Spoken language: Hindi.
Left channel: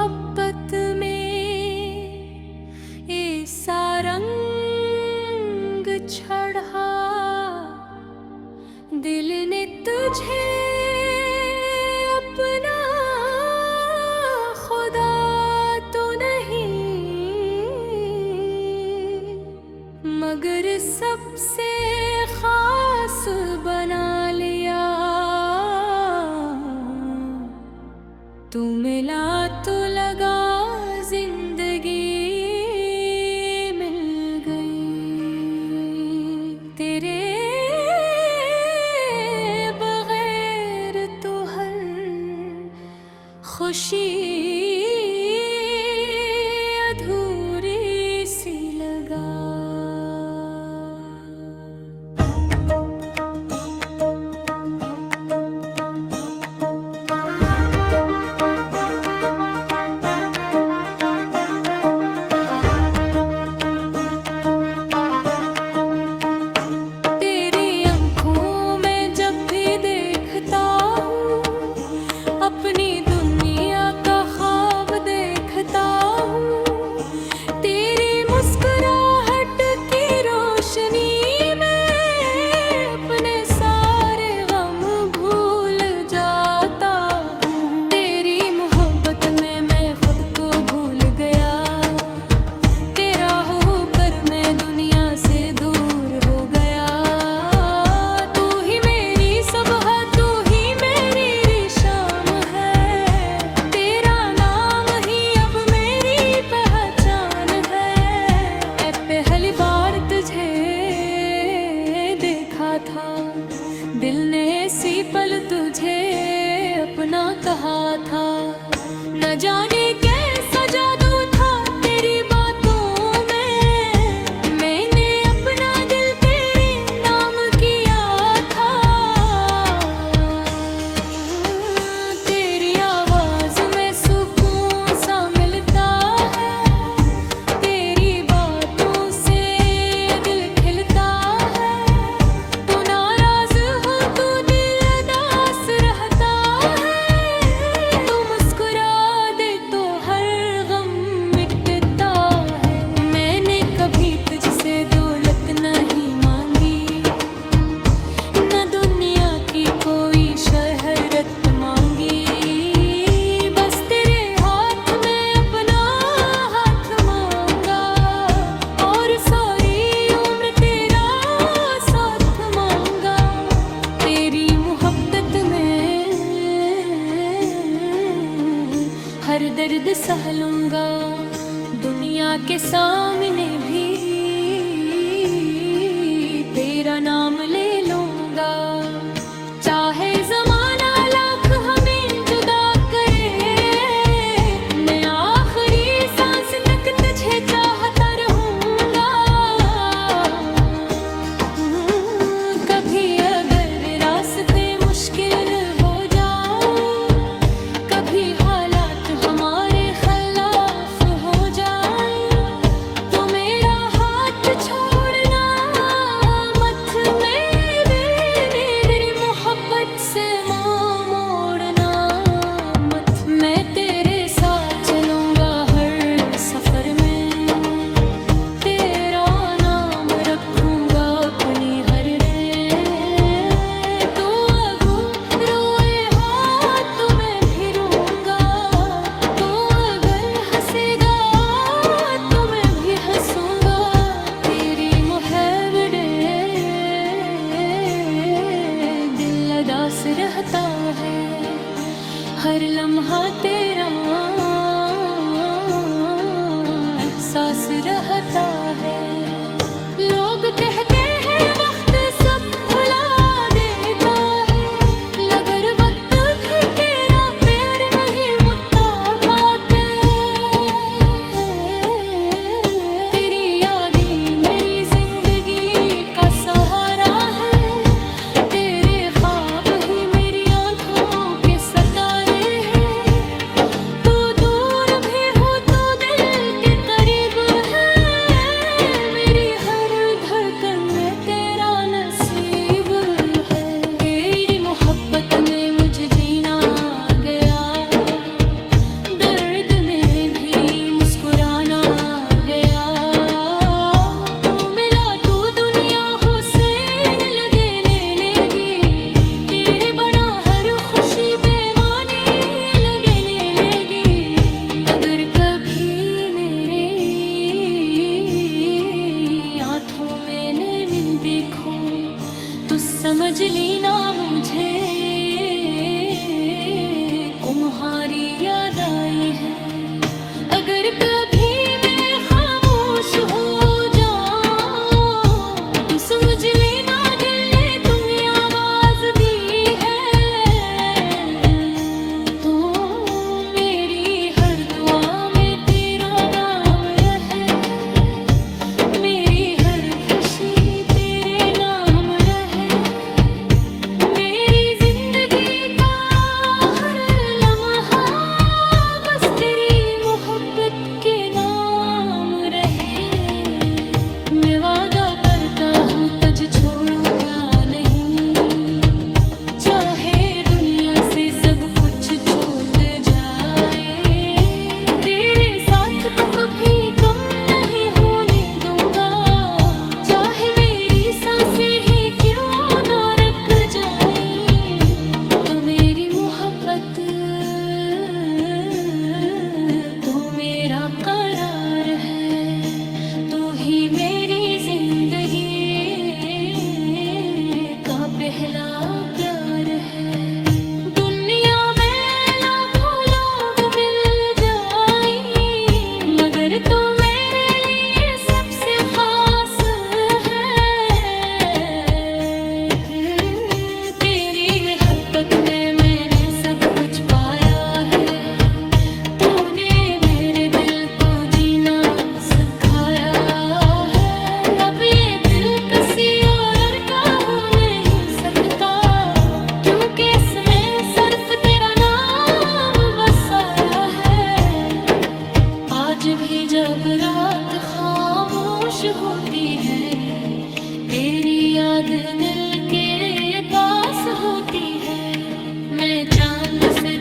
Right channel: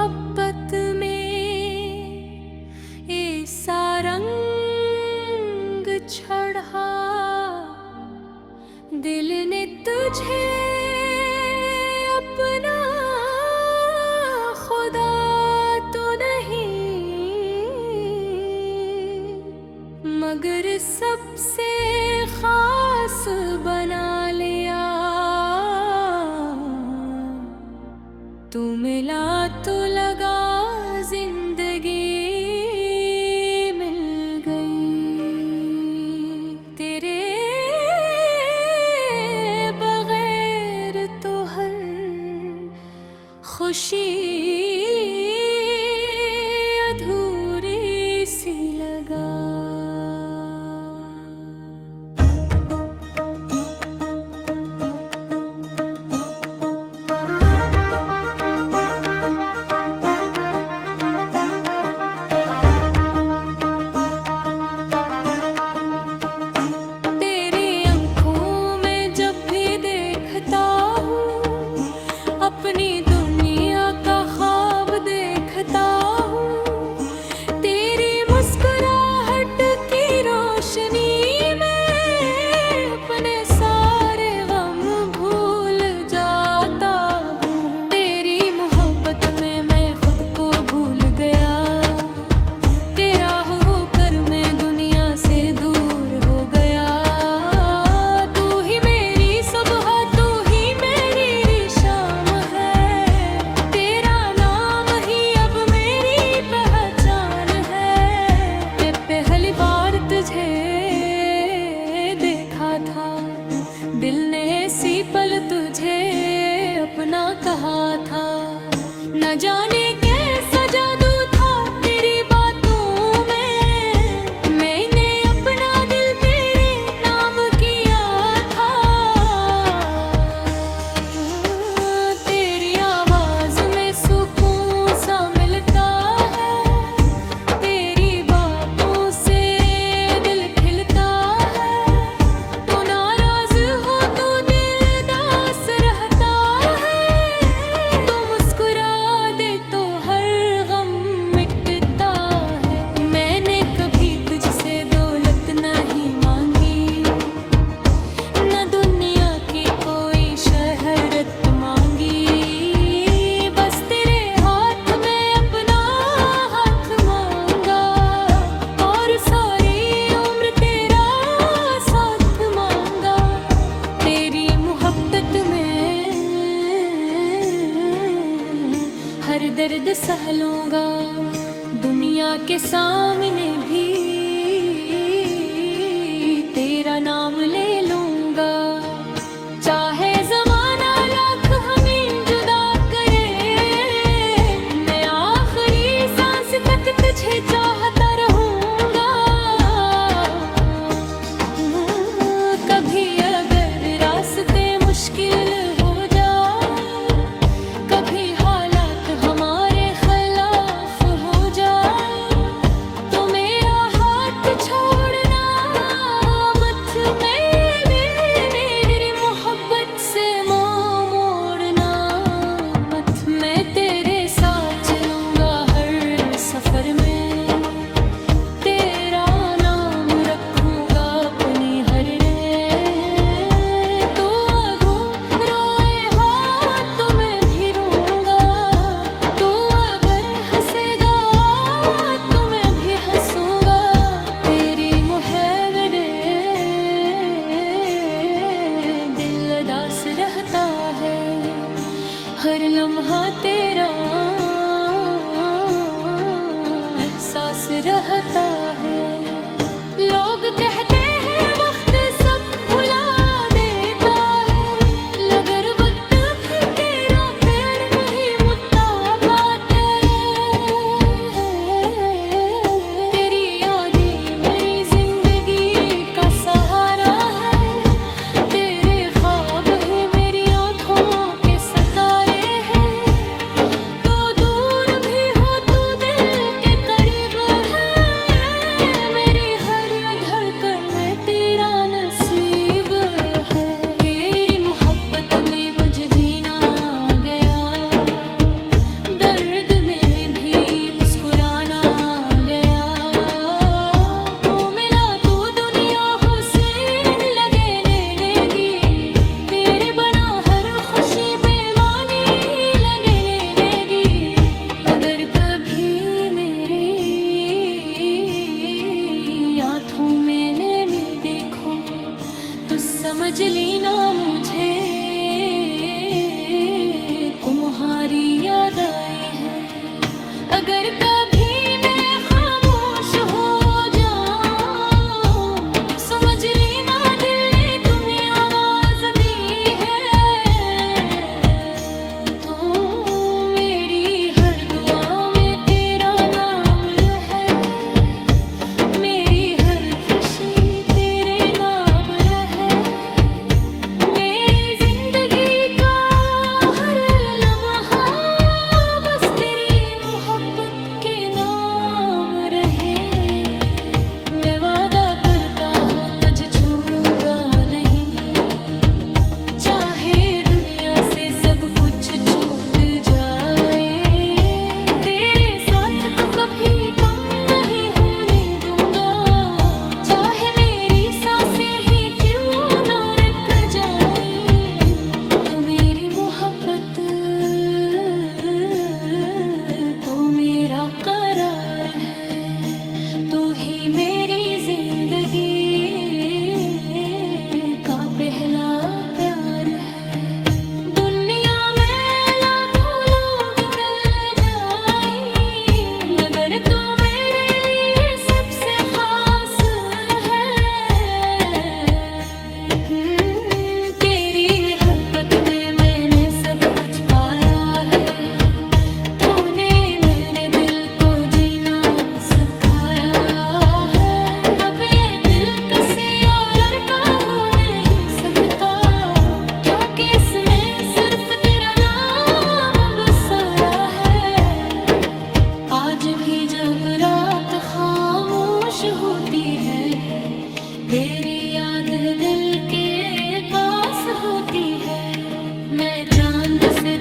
मोहब्बत में ऐसा रंग चढ़ा, दिल ने तुझे अपना खुदा तो नहीं, मगर सबसे खास बना लिया। तू मिला तो लगा जिंदगी मिल गई, तेरे बगैर तो हर खुशी अधूरी सी लगा। अपनी दुनिया का ख्वाब देखता हूँ, तेरी मुस्कुराहट की रोशनी में अपने सारे गम भूल जाता हूँ। तेरी मोहब्बत में मैं खुद को भूल गया, तेरा होकर मैं दुनिया से दूर हो गया। तू ही मेरी सुबह, तुझे देखा था दिल ने ऐसी पल तुझे अपना कहा था। न जाने कैसा जादू था तेरी बातों में, मैंने अपना दिल तेरे नाम किया था। तेरी आवाज में सुकून सा मिलता है, नहीं मांगी न दुनिया की कोई शहरत मांगी, बस तेरे हाथ में अपना हाथ मांगा और सारी उम्र तेरा साथ मांगा। तेरी मोहब्बत में हर दर्द सह लूंगा, दुनिया के सामने भी तेरा नाम ले लूंगा। चाहे ज़माना लाख हमें जुदा करे, मैं आखिरी सांस तक तुझे चाहता रहूंगा। कभी अगर रास्ते मुश्किल हो जाए, कभी हालात हमारे खिलाफ हो जाए, तो मेरा हाथ छोड़ से मोड़ना मत। मैं तेरे साथ चलूंगा हर सफर में, तेरा नाम रखूंगा अपनी हर रे। तो अगर रोए हाथ तो मैं भी रोऊंगा, तो अगर हंसेगा तो मैं भी हंसूंगा। तेरी मोहब्बत उदास रहता है, हर लम्हा तेरा एहसास रहता है। लोग कहते हैं वक्त सब भुला देता है, मगर वक्त भी तेरा प्यार नहीं मुट्ठा पाते। तेरी यादें मेरी जिंदगी का सहारा है, तेरा तुम्हारी याद आई है। अगर कभी मैं खामोश हो जाऊं तो समझ लेना दिल ने तुम्हें आवाज दी है। तो मेरी हर दुआ में तेरा नाम रहे, मेरी हर खुशी तेरे नाम रहे, मेरी जिंदगी का हर लम्हा बस तेरी मोहब्बत के नाम रहे। मैं वादा करता हूँ तुझे छोड़ूंगा नहीं, चाहे दुनिया से सब कुछ छूट जाए, तेरे साथ तो कभी कम नहीं होने दूंगा, चाहे मेरी सांसें ही क्यों ना रुक जाए। तो मेरी मोहब्बत तू मेरा करार है, तू ही मेरी जिंदगी का पहला प्यार है। दुनिया में लाखों लोग मिल जाएं, मगर तू मेरे लिए सबसे खास है। तेरी मोहब्बत में मैंने सब कुछ पाया है, तूने मेरे दिल को जीना सिखाया है। अब ये दिल किसी और का हो नहीं सकता, क्योंकि इसमें सिर्फ तेरा नाम बसाया है। आज भी जब रात खामोश होती है, तेरी याद दिल के पास होती है। मैं चांद से